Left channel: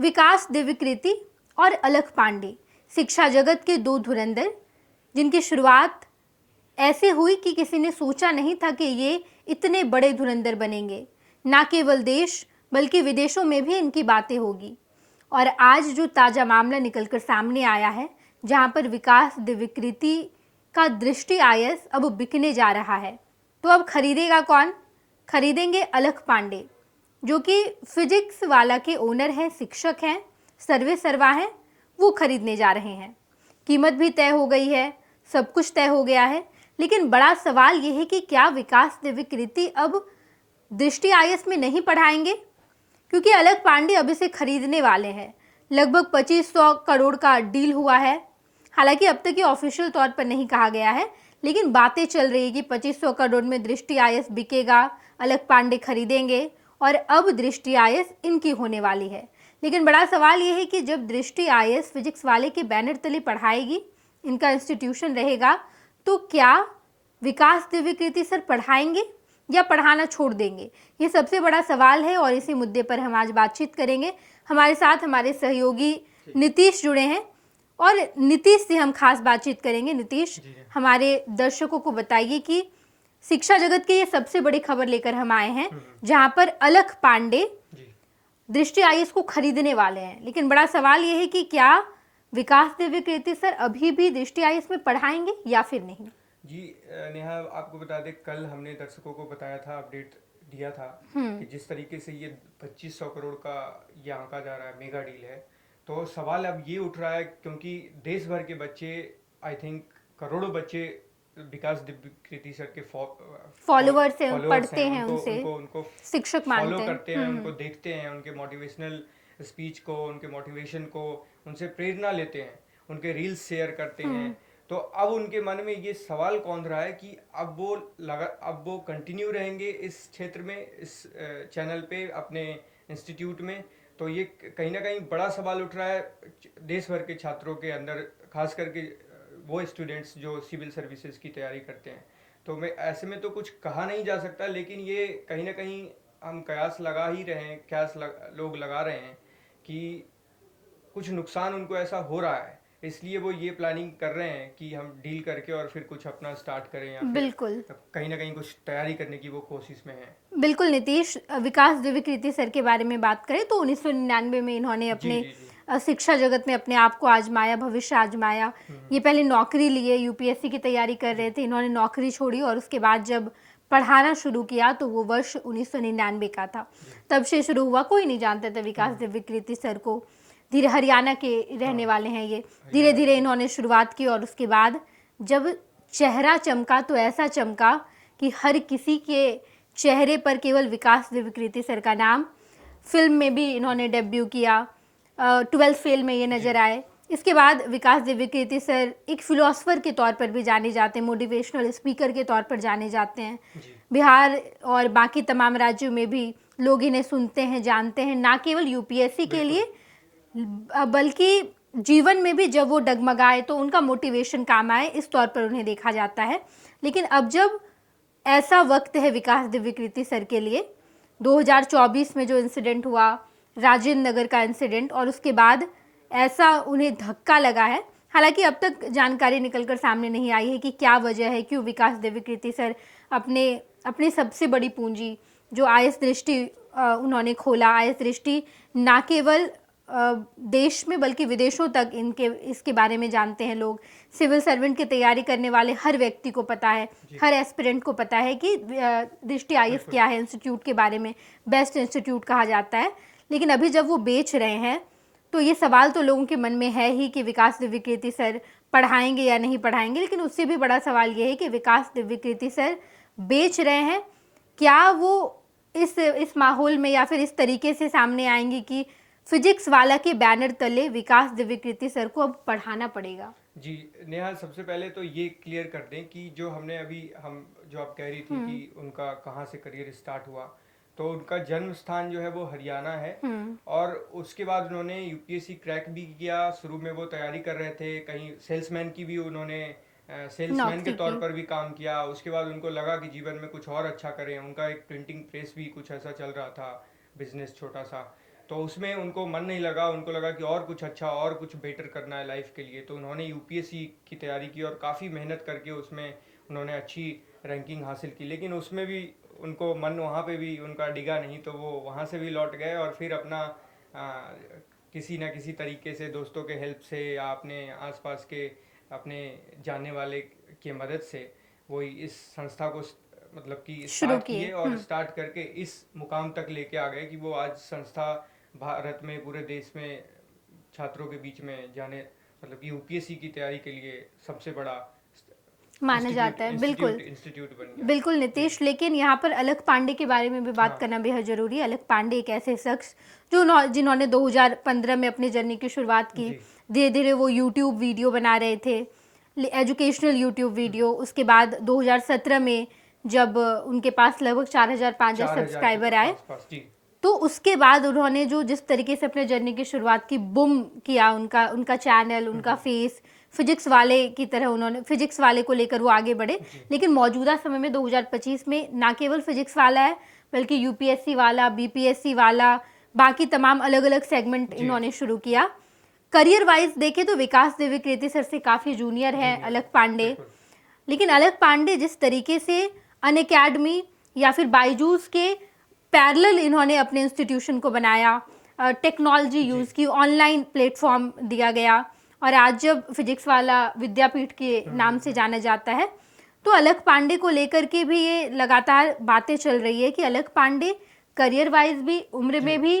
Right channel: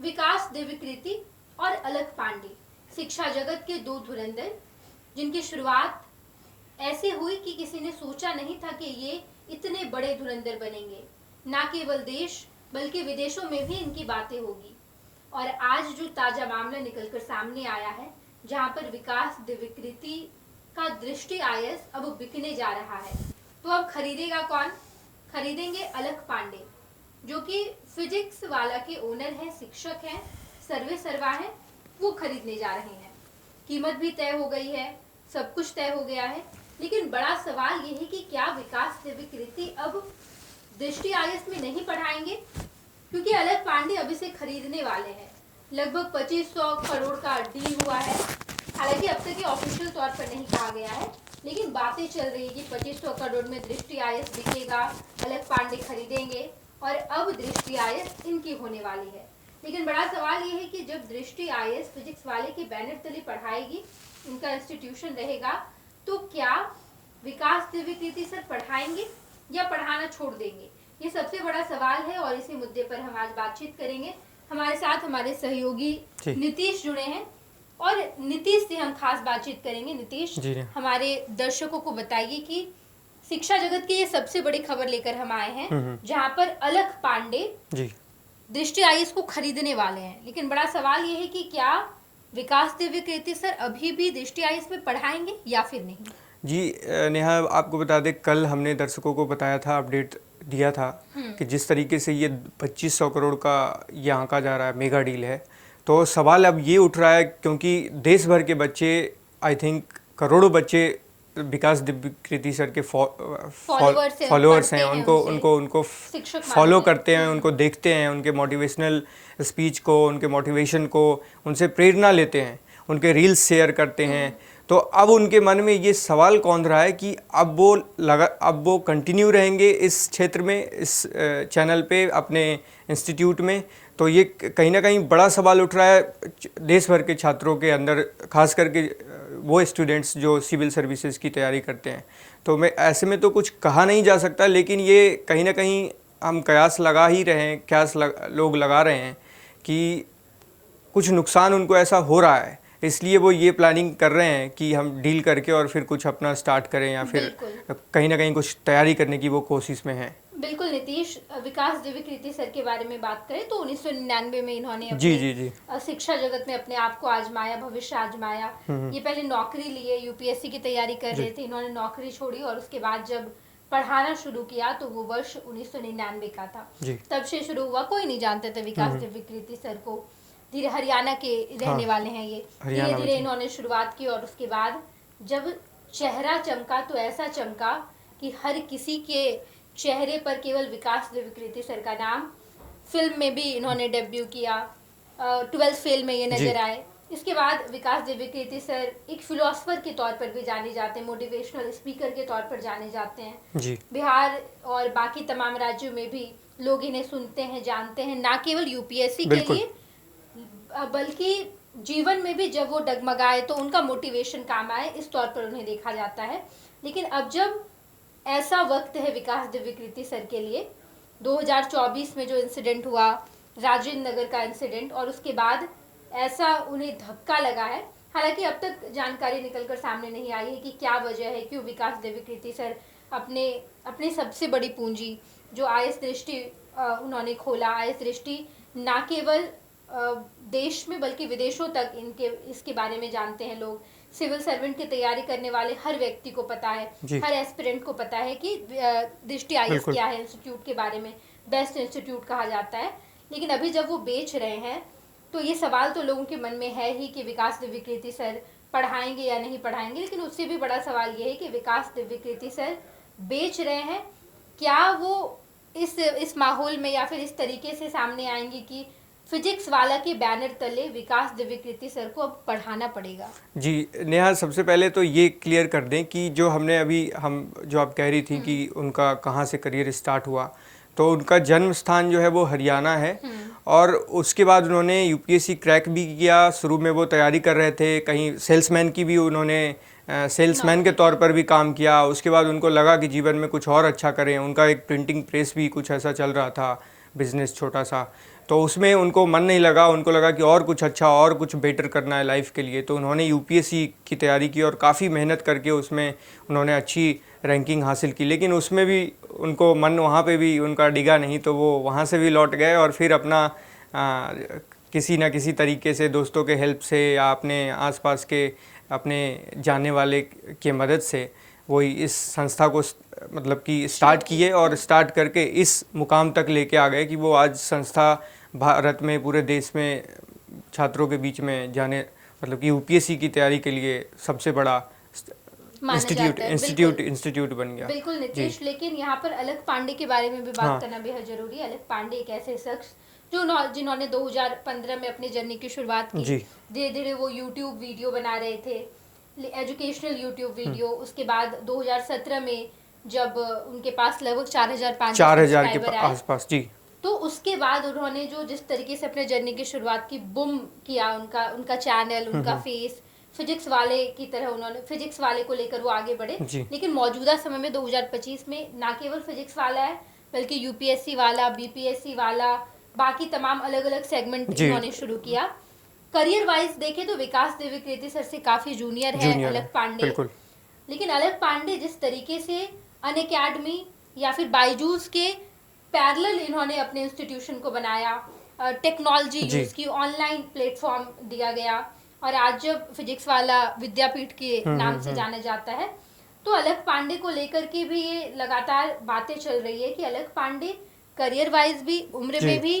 विकास दिव्यकृति और अलख पांडे, शिक्षा जगत के दो धुरंधर, जिनकी शुरुआत ऐसे हुई कि किसी ने सोचा नहीं था कि ये इतने बड़े धुरंधर बनेंगे। ना केवल देश बल्कि विदेशों में भी इनकी बातें होगी। और आज जो ताज़ा मामला निकलकर सामने आया है, जहां पर विकास दिव्यकृति का दृष्टि आईएएस अब बिकने जा रहा है, तो अब खरीदेगा कौन? खरीदेंगे अलख पांडे, जो कि फिजिक्स वाला के ओनर हैं, शिक्षक हैं, सर्वे सर्वा हैं, वो खरीदने जा रहे हैं। कीमत भी तय हो गई है, सब कुछ तय हो गया है। लेकिन बड़ा सवाल ये है कि क्या विकास दिव्यकृति अब दृष्टि आईएएस में नहीं पढ़ाएंगे, क्योंकि अलख पांडे अब इसे खरीदने वाले हैं। लगभग 2500 करोड़ का डील हुआ है। हालांकि अब तक ये ऑफिशियल तौर पर नहीं कहा गया है, लेकिन बातें चल रही है कि 2500 करोड़ में दृष्टि आईएएस बिकेगा, अलख पांडे खरीदेंगे और अब दृष्टि आईएएस इनकी होने वाली है। लेकिन बड़ा सवाल ये है कि जब दृष्टि आईएएस फिजिक्स वाले के बैनर तले पढ़ाएगी, इनका इंस्टीट्यूशन रहेगा, तो क्या विकास दिव्यकृति सर पढ़ाएंगे या पढ़ाना छोड़ देंगे? ये सबसे बड़ा सवाल है और इसी मुद्दे पर हम आज बातचीत करेंगे। हमारे साथ हमारे सहयोगी नीतीश जुड़े हैं और नीतीश से हम खास बातचीत करेंगे। नीतीश, हमारे दर्शकों को बताइए कि शिक्षा जगत की ये सबसे बड़ी खबर लेकर हम आए हैं, जहां पर अलख पांडे दृष्टि आईएएस को खरीदने वाले हैं। लेकिन बड़ा सवाल ये है कि क्या विकास दिव्यकृति सर अभी भी दृष्टि आईएएस में पढ़ाएंगे या फिर नहीं? जी नेहा, आपको बता दें, कल हमने दर्शकों को बताया था, अपडेट दिया था कि जिस तरीके से ये 2500 करोड़ का ये आंका जा रहा है, मेगा डील है, तो सवाल अब ये उठ रहा है क्योंकि देश भर के बच्चे, आई थिंक करोड़ों बच्चे विकास दिव्यकृति सर के फॉलोअर्स हैं, उनको फॉलो करते हैं, उनको देखते हैं, उनके मोटिवेशनल स्पीच को, उनके मोटिवेशन को, उनसे प्रेरणा लेते हैं, उनके रील्स शेयर करते हैं। तो अब उनके मन में ये सवाल कौंध रहा है कि अब वो कंटिन्यू रहेंगे इस क्षेत्र में, इस चैनल पे, अपने इंस्टीट्यूट में। तो ये कहीं ना कहीं बड़ा सवाल उठ रहा है देश भर के छात्रों के अंदर, खास करके वो स्टूडेंट्स जो सिविल सर्विसेज की तैयारी करते हैं। तो मैं ऐसे में तो कुछ कहा नहीं जा सकता, लेकिन ये कहीं ना कहीं हम कयास लगा ही रहे हैं, लोग लगा रहे हैं कि कुछ नुकसान उनको ऐसा हो रहा है, इसलिए वो ये प्लानिंग कर रहे हैं कि हम डील करके और फिर कुछ अपना स्टार्ट करें, या फिर कहीं ना कहीं कुछ तैयारी करने की वो कोशिश में है। बिल्कुल नीतीश, विकास दिव्यकृति सर के बारे में बात करें तो 1999 में इन्होंने अपनी शिक्षा जगत में अपने आप को आजमाया, भविष्य आजमाया। ये पहले नौकरी लिए, यूपीएससी की तैयारी कर रहे थे, इन्होंने नौकरी छोड़ी और उसके बाद जब पढ़ाना शुरू किया तो वो वर्ष 1999 का था। तब से शुरू हुआ, कोई नहीं जानता था विकास दिव्यकृति सर को। धीरे, हरियाणा के रहने वाले हैं ये, धीरे धीरे इन्होंने शुरुआत की और उसके बाद जब चेहरा चमका तो ऐसा चमका कि हर किसी के चेहरे पर केवल विकास दिव्यकृति सर का नाम। फिल्म में भी इन्होंने डेब्यू किया, 12th फेल में ये नजर आए। इसके बाद विकास दिव्यकृति सर एक फिलोसफर के तौर पर भी जाने जाते हैं, मोटिवेशनल स्पीकर के तौर पर जाने जाते हैं। बिहार और बाकी तमाम राज्यों में भी लोग इन्हें सुनते हैं, जानते हैं, ना केवल यूपीएससी के लिए बल्कि जीवन में भी जब वो डगमगाए तो उनका मोटिवेशन काम आए, इस तौर पर उन्हें देखा जाता है। लेकिन अब जब ऐसा वक्त है विकास दिव्यकृति सर के लिए, 2024 में जो इंसिडेंट हुआ, राजेंद्र नगर का इंसिडेंट, और उसके बाद ऐसा उन्हें धक्का लगा है। हालांकि अब तक जानकारी निकलकर सामने नहीं आई है कि क्या वजह है, क्यों विकास दिव्यकृति सर अपने सबसे बड़ी पूंजी जो आईएएस दृष्टि उन्होंने खोला, आईएएस दृष्टि ना केवल देश में बल्कि विदेशों तक इसके बारे में जानते हैं लोग। सिविल सर्वेंट की तैयारी करने वाले हर व्यक्ति को पता है, हर एस्पिरेंट को पता है कि दृष्टि आईएएस क्या है, इंस्टीट्यूट के बारे में बेस्ट इंस्टीट्यूट कहा जाता है। लेकिन अभी जब वो बेच रहे हैं तो ये सवाल तो लोगों के मन में है ही कि विकास दिव्यकृति सर पढ़ाएंगे या नहीं पढ़ाएंगे। लेकिन उससे भी बड़ा सवाल ये है कि विकास दिव्यकृति सर बेच रहे हैं, क्या वो इस माहौल में या फिर इस तरीके से सामने आएंगे कि फिजिक्स वाला के बैनर तले विकास दिव्यकृति सर को अब पढ़ाना पड़ेगा? जी नेहा, सबसे पहले तो ये क्लियर कर दें कि जो आप कह रही थी कि उनका कहाँ से करियर स्टार्ट हुआ, तो उनका जन्म स्थान जो है वो हरियाणा है। और उसके बाद उन्होंने यूपीएससी क्रैक भी किया। शुरू में वो तैयारी कर रहे थे, कहीं सेल्समैन की भी उन्होंने सेल्समैन के तौर पर भी काम किया। उसके बाद उनको लगा कि जीवन में कुछ और अच्छा करें। उनका एक प्रिंटिंग प्रेस भी कुछ ऐसा चल रहा था, बिजनेस छोटा सा। तो उसमें उनको मन नहीं लगा, उनको लगा कि और कुछ अच्छा और कुछ बेटर करना है लाइफ के लिए, तो उन्होंने यूपीएससी की तैयारी की और काफ़ी मेहनत करके उसमें उन्होंने अच्छी रैंकिंग हासिल की। लेकिन उसमें भी उनको मन वहाँ पे भी उनका डिगा नहीं, तो वो वहाँ से भी लौट गए और फिर अपना किसी ना किसी तरीके से दोस्तों के हेल्प से या अपने आसपास के अपने जानने वाले के मदद से वो इस संस्था को मतलब कि स्टार्ट किए और स्टार्ट करके इस मुकाम तक लेके आ गए कि वो आज संस्था भारत में पूरे देश में छात्रों के बीच में जाने मतलब कि यूपीएससी की तैयारी के लिए सबसे बड़ा इंस्टीट्यूट बन गया। बिल्कुल नितेश, लेकिन यहाँ पर अलख पांडे के बारे में भी बात करना बेहद जरूरी है। अलख पांडे एक ऐसे शख्स जिन्होंने 2015 में अपनी जर्नी की शुरुआत की। धीरे धीरे वो यूट्यूब वीडियो बना रहे थे, एजुकेशनल यूट्यूब वीडियो। उसके बाद 2017 में जब उनके पास लगभग 4,500 सब्सक्राइबर आए आसपास जी, तो उसके बाद उन्होंने जो जिस तरीके से अपने जर्नी की शुरुआत की, बूम किया उनका चैनल, उनका फेस फिजिक्स वाले की तरह उन्होंने फिजिक्स वाले को लेकर वो आगे बढ़े। लेकिन मौजूदा समय में 2025 में ना केवल फिजिक्स वाला है बल्कि यूपीएससी वाला, बीपीएससी वाला, बाकी तमाम अलग अलग सेगमेंट इन्होंने शुरू किया। करियर वाइज देखे तो विकास देविकृति सर से काफी जूनियर है अलख पांडे, लेकिन अलख पांडे जिस तरीके से अनअकैडमी या फिर बायजूस के पैरेलल इन्होंने अपने इंस्टीट्यूशन को बनाया, टेक्नोलॉजी यूज की, ऑनलाइन प्लेटफॉर्म दिया गया और आज जब फिजिक्स वाला विद्यापीठ के नाम से जाना जाता है, तो अलख पांडे को लेकर के भी ये लगातार बातें चल रही है कि अलख पांडे करियर वाइज भी, उम्र में भी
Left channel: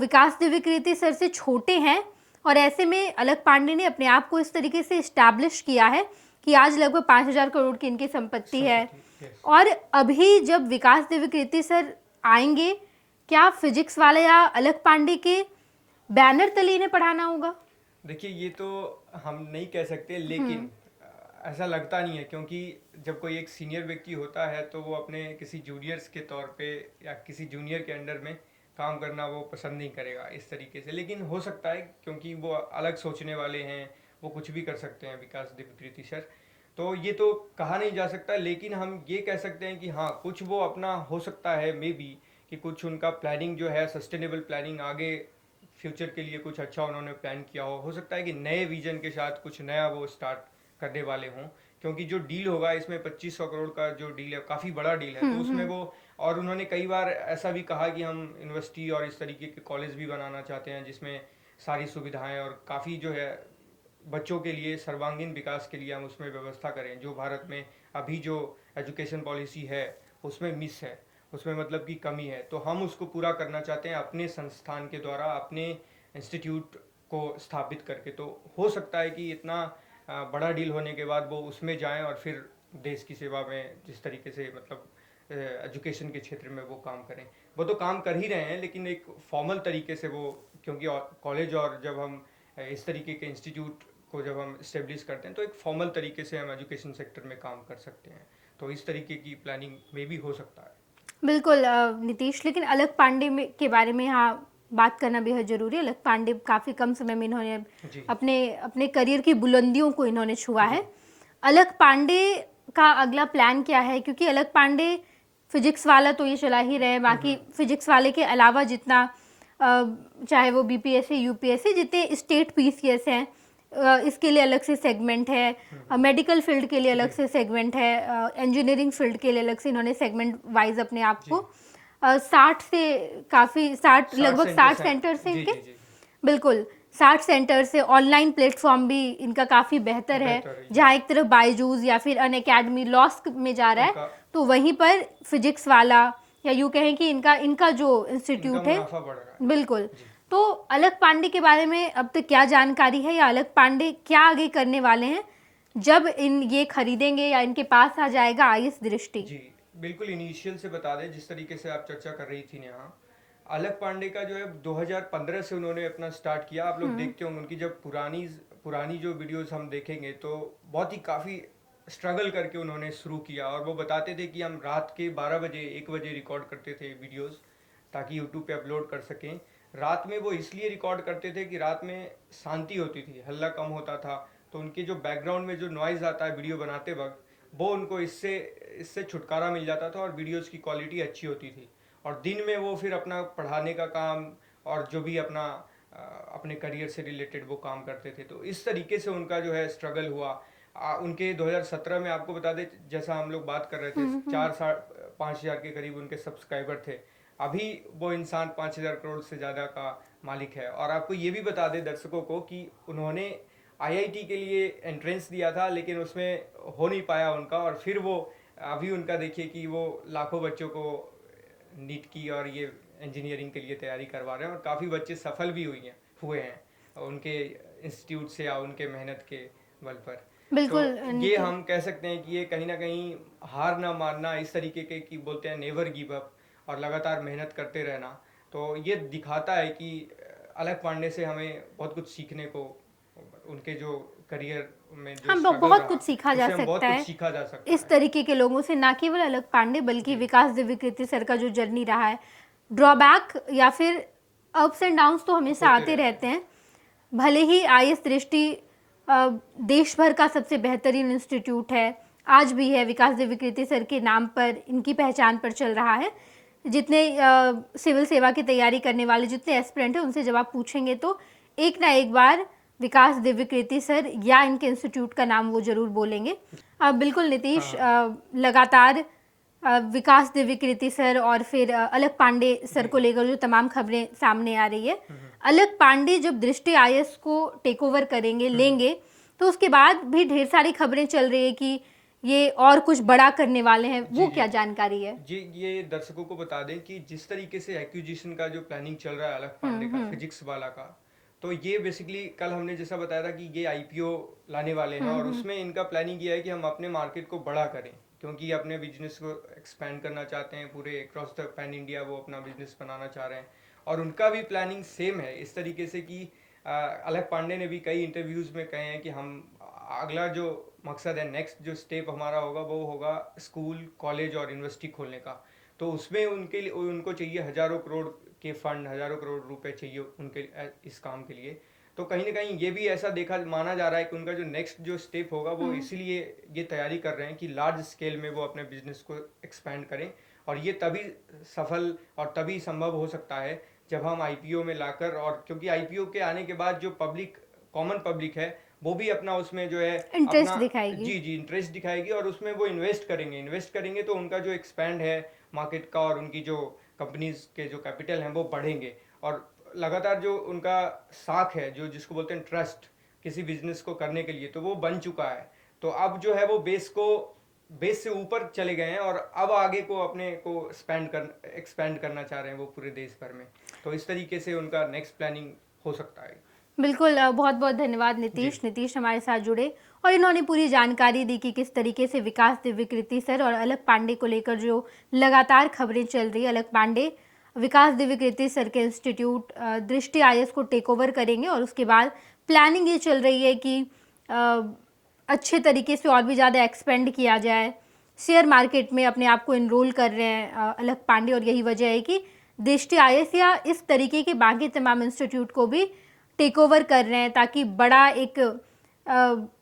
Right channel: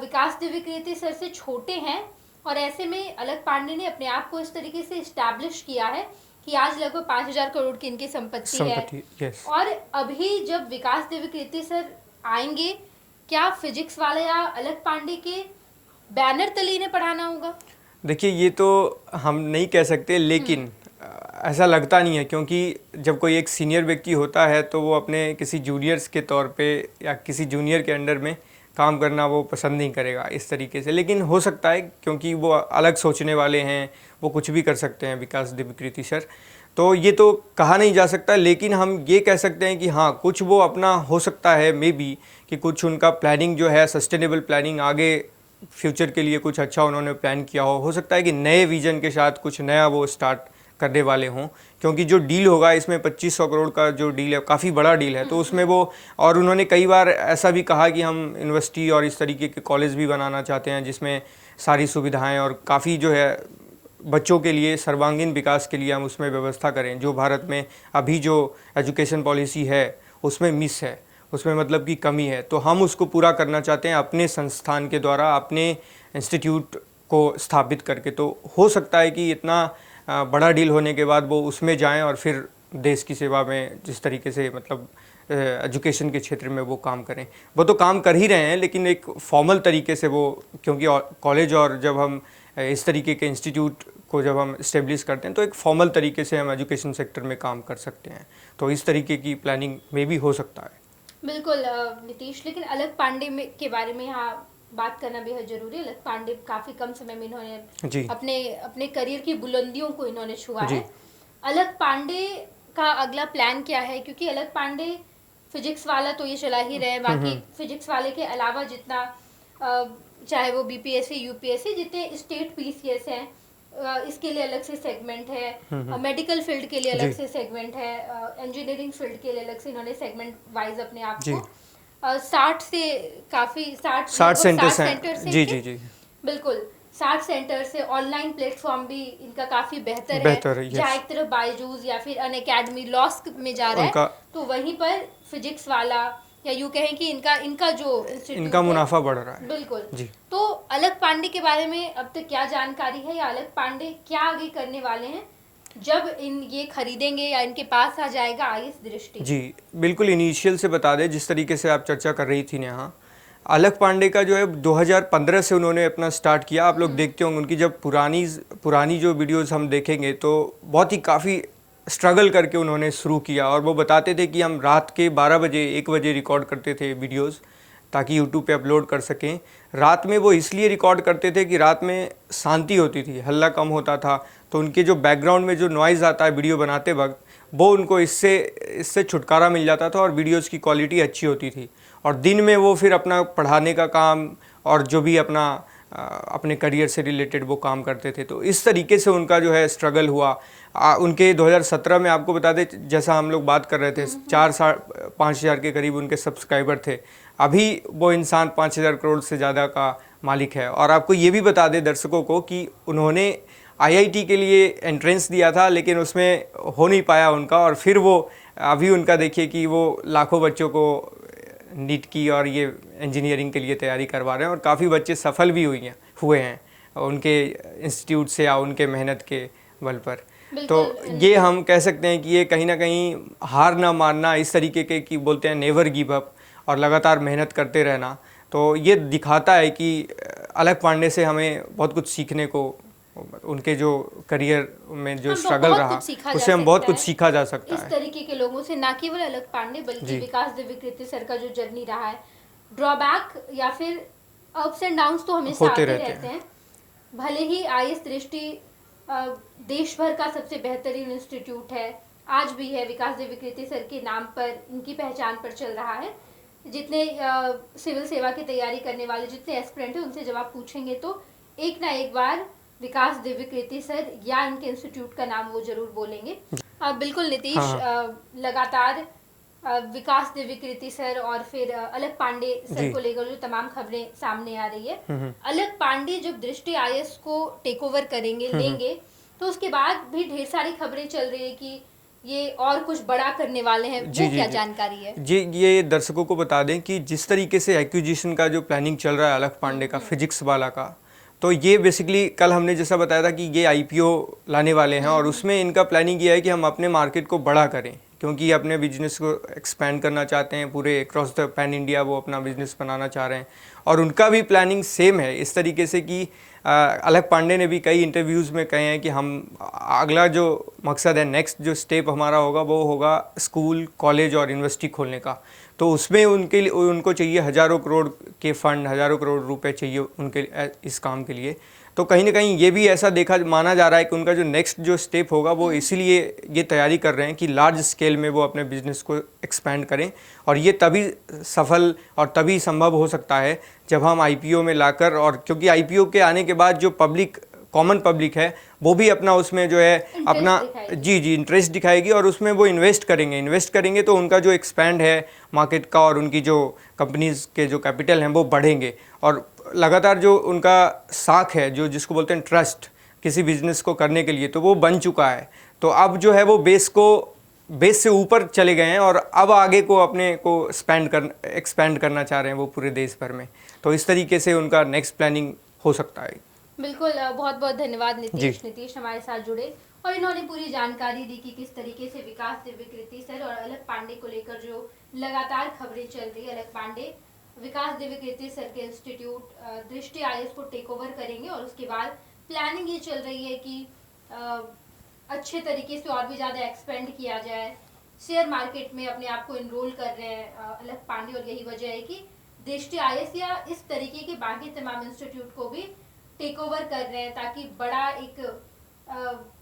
विकास देविकृति सर से छोटे हैं और ऐसे में अलख पांडे ने अपने आप को इस तरीके से इस्टेब्लिश किया है कि आज लगभग 5,000 करोड़ की इनकी संपत्ति है। और अभी जब विकास देविकृति सर आएंगे, क्या फिजिक्स वाले या अलख पांडे के बैनर तले इन्हें पढ़ाना होगा? देखिए, ये तो हम नहीं कह सकते, लेकिन ऐसा लगता नहीं है, क्योंकि जब कोई एक सीनियर व्यक्ति होता है तो वो अपने किसी जूनियर्स के तौर पे या किसी जूनियर के अंडर में काम करना वो पसंद नहीं करेगा इस तरीके से। लेकिन हो सकता है क्योंकि वो अलग सोचने वाले हैं, वो कुछ भी कर सकते हैं विकास देविकृति सर, तो ये तो कहा नहीं जा सकता। लेकिन हम ये कह सकते हैं कि हाँ, कुछ वो अपना हो सकता है मे बी कि कुछ उनका प्लानिंग जो है, सस्टेनेबल प्लानिंग, आगे फ्यूचर के लिए कुछ अच्छा उन्होंने प्लान किया हो सकता है कि नए विजन के साथ कुछ नया वो स्टार्ट करने वाले हों, क्योंकि जो डील होगा इसमें 2500 करोड़ का जो डील है काफ़ी बड़ा डील है। तो उसमें वो, और उन्होंने कई बार ऐसा भी कहा कि हम यूनिवर्सिटी और इस तरीके के कॉलेज भी बनाना चाहते हैं जिसमें सारी सुविधाएं और काफ़ी जो है बच्चों के लिए सर्वांगीण विकास के लिए हम उसमें व्यवस्था करें, जो भारत में अभी जो एजुकेशन पॉलिसी है उसमें मिस है, उसमें मतलब की कमी है, तो हम उसको पूरा करना चाहते हैं अपने संस्थान के द्वारा, अपने इंस्टीट्यूट को स्थापित करके। तो हो सकता है कि इतना बड़ा डील होने के बाद वो उसमें जाएं और फिर देश की सेवा में जिस तरीके से मतलब एजुकेशन के क्षेत्र में वो काम करें। वो तो काम कर ही रहे हैं, लेकिन एक फॉर्मल तरीके से वो, क्योंकि कॉलेज और जब हम इस तरीके के इंस्टीट्यूट को जब हम इस्टेब्लिश करते हैं तो एक फॉर्मल तरीके से हम एजुकेशन सेक्टर में काम कर सकते हैं। तो इस तरीके की प्लानिंग में भी हो सकता है। बिल्कुल नीतीश, लेकिन अलख पांडे के बारे में यहाँ बात करना बेहद जरूरी है। अलख पांडे काफ़ी कम समय में इन्होंने अपने करियर की बुलंदियों को इन्होंने छुआ है। अलख पांडे का अगला प्लान क्या है? क्योंकि अलख पांडे फिजिक्स वाला तो ये चला ही रहे, बाकी फिजिक्स वाले के अलावा जितना चाहे वो बीपीएससी, यूपीएससी, जितने स्टेट पीसीएस हैं इसके लिए अलग से सेगमेंट है, मेडिकल फील्ड के लिए अलग से सेगमेंट है, इंजीनियरिंग फील्ड के लिए अलग से इन्होंने सेगमेंट वाइज अपने आप को 60 सेंटर से जी बिल्कुल 60 सेंटर से ऑनलाइन प्लेटफॉर्म भी इनका काफी बेहतर है। जहाँ एक तरफ बायजूस या फिर अनअकैडमी लॉस में जा रहा है, तो वहीं पर फिजिक्स वाला या यूँ कहें कि इनका जो इंस्टीट्यूट इनका मुनाफा बढ़ रहा है। बिल्कुल। तो अलख पांडे के बारे में अब तक क्या जानकारी है, या अलख पांडे क्या आगे करने वाले हैं जब ये खरीदेंगे या इनके पास आ जाएगा आईएएस दृष्टि? जी बिल्कुल, इनिशियल से बता दें, जिस तरीके से आप चर्चा कर रही थी नेहा, अलख पांडे का जो है 2015 से उन्होंने अपना स्टार्ट किया। आप लोग देखते होंगे उनकी जब पुरानी जो वीडियोस हम देखेंगे तो बहुत ही काफ़ी स्ट्रगल करके उन्होंने शुरू किया, और वो बताते थे कि हम रात के 12 बजे 1 बजे रिकॉर्ड करते थे वीडियोस ताकि यूट्यूब पे अपलोड कर सकें। रात में वो इसलिए रिकॉर्ड करते थे कि रात में शांति होती थी, हल्ला कम होता था, तो उनके जो बैकग्राउंड में जो नॉइज़ आता है वीडियो बनाते वक्त, वो उनको इससे छुटकारा मिल जाता था और वीडियोज़ की क्वालिटी अच्छी होती थी। और दिन में वो फिर अपना पढ़ाने का काम और जो भी अपने करियर से रिलेटेड वो काम करते थे। तो इस तरीके से उनका जो है स्ट्रगल हुआ। उनके 2017 में आपको बता दें, जैसा हम लोग बात कर रहे थे, 4-5 हज़ार के करीब उनके सब्सक्राइबर थे। अभी वो इंसान 5,000 करोड़ से ज़्यादा का मालिक है। और आपको ये भी बता दें दर्शकों को कि उन्होंने आईआईटी के लिए एंट्रेंस दिया था, लेकिन उसमें हो नहीं पाया उनका, और फिर वो अभी उनका देखिए कि वो लाखों बच्चों को नीट की और ये इंजीनियरिंग के लिए तैयारी करवा रहे हैं, और काफ़ी बच्चे सफल भी हुए हैं उनके इंस्टीट्यूट से या उनके मेहनत के बल पर। तो ये हम कह सकते हैं कि ये कहीं ना कहीं हार ना मानना, इस तरीके के कि बोलते हैं नेवर गिव अप, और लगातार मेहनत करते रहना। तो ये दिखाता है कि अलग पांडे से हमें बहुत कुछ सीखने को, उनके जो करियर में जो स्ट्रगल रहा उससे हम बहुत कुछ सीखा जा सकता है इस तरीके के लोगों से, ना केवल अलग पांडे बल्कि विकास दिव्यकीर्ति सर का जो जर्नी रहा है। ड्रॉबैक या फिर अप्स एंड डाउन्स तो हमेशा आते रहते हैं। भले ही आईएएस दृष्टि देश भर का सबसे बेहतरीन इंस्टीट्यूट है, आज भी है, विकास दिव्यकीर्ति सर के नाम पर, इनकी पहचान पर चल रहा है। जितने सिविल सेवा की तैयारी करने वाले जितने एस्पिरेंट हैं, उनसे जब आप पूछेंगे तो एक ना एक बार विकास दिव्यकीर्ति सर या इनके इंस्टीट्यूट का नाम वो जरूर बोलेंगे। बिल्कुल नीतीश, लगातार विकास दिव्यकीर्ति सर और फिर अलग पांडे सर को लेकर जो तमाम खबरें सामने आ रही है, अलग पांडे जब दृष्टि आईएएस को टेक ओवर करेंगे, लेंगे, तो उसके बाद भी ढेर सारी खबरें चल रही है कि ये और कुछ बड़ा करने वाले हैं। वो क्या जानकारी है जी? ये दर्शकों को बता दें कि जिस तरीके से एक्विजिशन का जो प्लानिंग चल रहा है अलग पांडे का, फिजिक्स वाला का, तो ये बेसिकली कल हमने जैसा बताया था कि ये आईपीओ लाने वाले हैं, और उसमें इनका प्लानिंग ये है कि हम अपने मार्केट को बड़ा करें, क्योंकि अपने बिजनेस को एक्सपेंड करना चाहते हैं, पूरे अक्रॉस द पैन इंडिया वो अपना बिजनेस बनाना चाह रहे हैं। और उनका भी प्लानिंग सेम है, इस तरीके से कि अलग पांडे ने भी कई इंटरव्यूज़ में कहे हैं कि हम अगला जो मकसद है, नेक्स्ट जो स्टेप हमारा होगा, वो होगा स्कूल, कॉलेज और यूनिवर्सिटी खोलने का। तो उसमें उनको चाहिए हज़ारों करोड़ के फंड, हज़ारों करोड़ रुपए चाहिए उनके इस काम के लिए। तो कहीं ना कहीं ये भी ऐसा माना जा रहा है कि उनका जो नेक्स्ट जो स्टेप होगा वो इसीलिए ये तैयारी कर रहे हैं कि लार्ज स्केल में वो अपने बिजनेस को एक्सपेंड करें। और ये तभी सफल और तभी संभव हो सकता है जब हम आईपीओ में लाकर, और क्योंकि आईपीओ के आने के बाद जो कॉमन पब्लिक है वो भी अपना उसमें जो है अपना इंटरेस्ट दिखाएगी, और उसमें वो इन्वेस्ट करेंगे तो उनका जो एक्सपैंड है मार्केट का, और उनकी जो कंपनीज के जो कैपिटल हैं वो बढ़ेंगे। और लगातार जो उनका साख है, जो जिसको बोलते हैं ट्रस्ट किसी बिजनेस को करने के लिए, तो वो बन चुका है। तो अब जो है वो बेस से ऊपर चले गए हैं, और अब आगे को अपने को एक्सपैंड करना चाह रहे हैं वो पूरे देश भर में। तो इस तरीके से उनका नेक्स्ट प्लानिंग हो सकता है। बिल्कुल, बहुत बहुत धन्यवाद नीतीश हमारे साथ जुड़े, और इन्होंने पूरी जानकारी दी कि किस तरीके से विकास दिव्यकीर्ति सर और अलग पांडे को लेकर जो लगातार खबरें चल रही है। अलग पांडे विकास दिव्यकीर्ति सर के इंस्टीट्यूट दृष्टि आईएएस को टेक ओवर करेंगे, और उसके बाद प्लानिंग ये चल रही है कि अच्छे तरीके से और भी ज़्यादा एक्सपेंड किया जाए। शेयर मार्केट में अपने आप को इनरोल कर रहे हैं अलग पांडे, और यही वजह है कि दृष्टि आईएएस या इस तरीके के बाकी तमाम इंस्टीट्यूट को भी टेक ओवर कर रहे हैं, ताकि बड़ा एक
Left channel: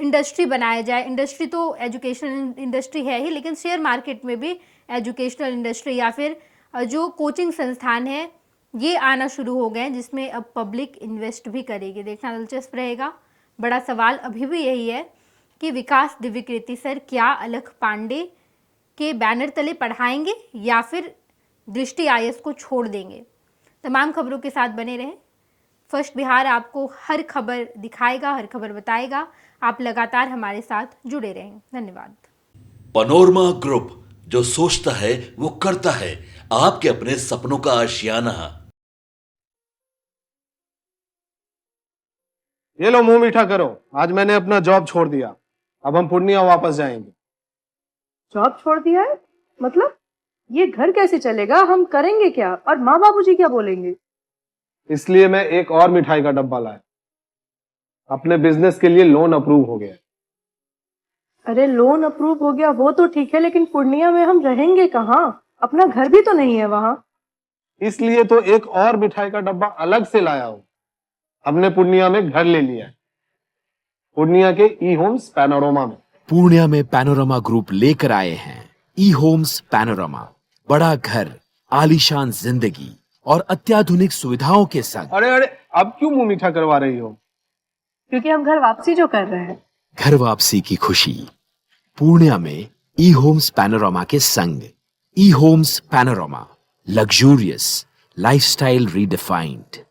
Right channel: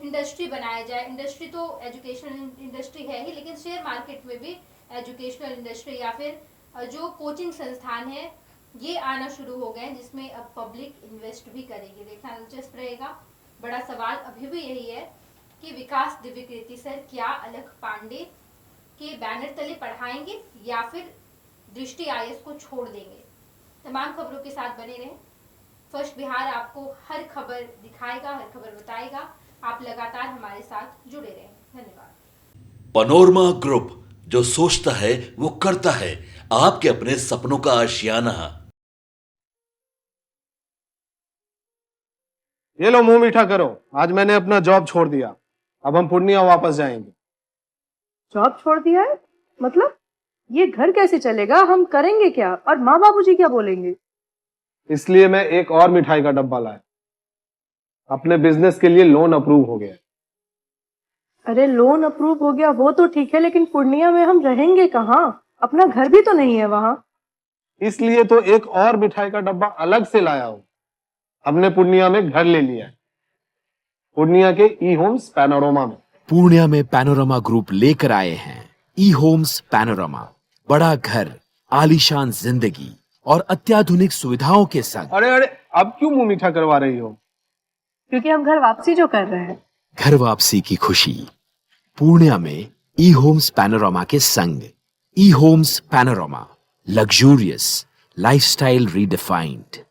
इंडस्ट्री बनाया जाए। इंडस्ट्री तो एजुकेशनल इंडस्ट्री है ही, लेकिन शेयर मार्केट में भी एजुकेशनल इंडस्ट्री या फिर जो कोचिंग संस्थान है ये आना शुरू हो गए हैं, जिसमें अब पब्लिक इन्वेस्ट भी करेगी। देखना दिलचस्प रहेगा। बड़ा सवाल अभी भी यही है कि विकास दिव्यकीर्ति सर क्या अलग पांडे के बैनर तले पढ़ाएंगे या फिर दृष्टि आईएएस को छोड़ देंगे। तमाम खबरों के साथ बने रहें। फर्स्ट बिहार आपको हर खबर दिखाएगा, हर खबर बताएगा। आप लगातार हमारे साथ जुड़े रहें। धन्यवाद। पनोरमा ग्रुप, जो सोचता है वो करता है। आपके अपने सपनों का आशियाना। ये लो, मुंह मीठा करो। आज मैंने अपना जॉब छोड़ दिया, अब हम पूर्णिया वापस जाएंगे। जॉब छोड़ दिया है? मतलब ये घर कैसे चलेगा? हम करेंगे क्या? और माँ बाबूजी क्या बोलेंगे? इसलिए मैं एक और मिठाई का डब्बा लाया। अपने बिजनेस के लिए लोन अप्रूव हो गया। अरे लोन अप्रूव हो गया वो तो ठीक है, लेकिन पूर्णिया में हम रहेंगे कहाँ? अपना घर भी तो नहीं है वहां। इसलिए तो एक और मिठाई का डब्बा अलग से लाया हूं। हमने पूर्णिया में घर ले लिया है, पूर्णिया के ई होम्स पैनोरमा में। पूर्णिया में पैनोरमा ग्रुप लेकर आए हैं ई होम्स पैनोरमा। बड़ा घर, आलीशान जिंदगी, और अत्याधुनिक सुविधाओं के संग अरे अरे, अब क्यों मुंह मीठा करवा रही हो? क्योंकि हम घर वापसी जो कर रहे हैं। घर वापसी की खुशी पूर्णिया में ई होम्स पैनोरामा के संग। ई Homes Panorama, luxurious lifestyle redefined.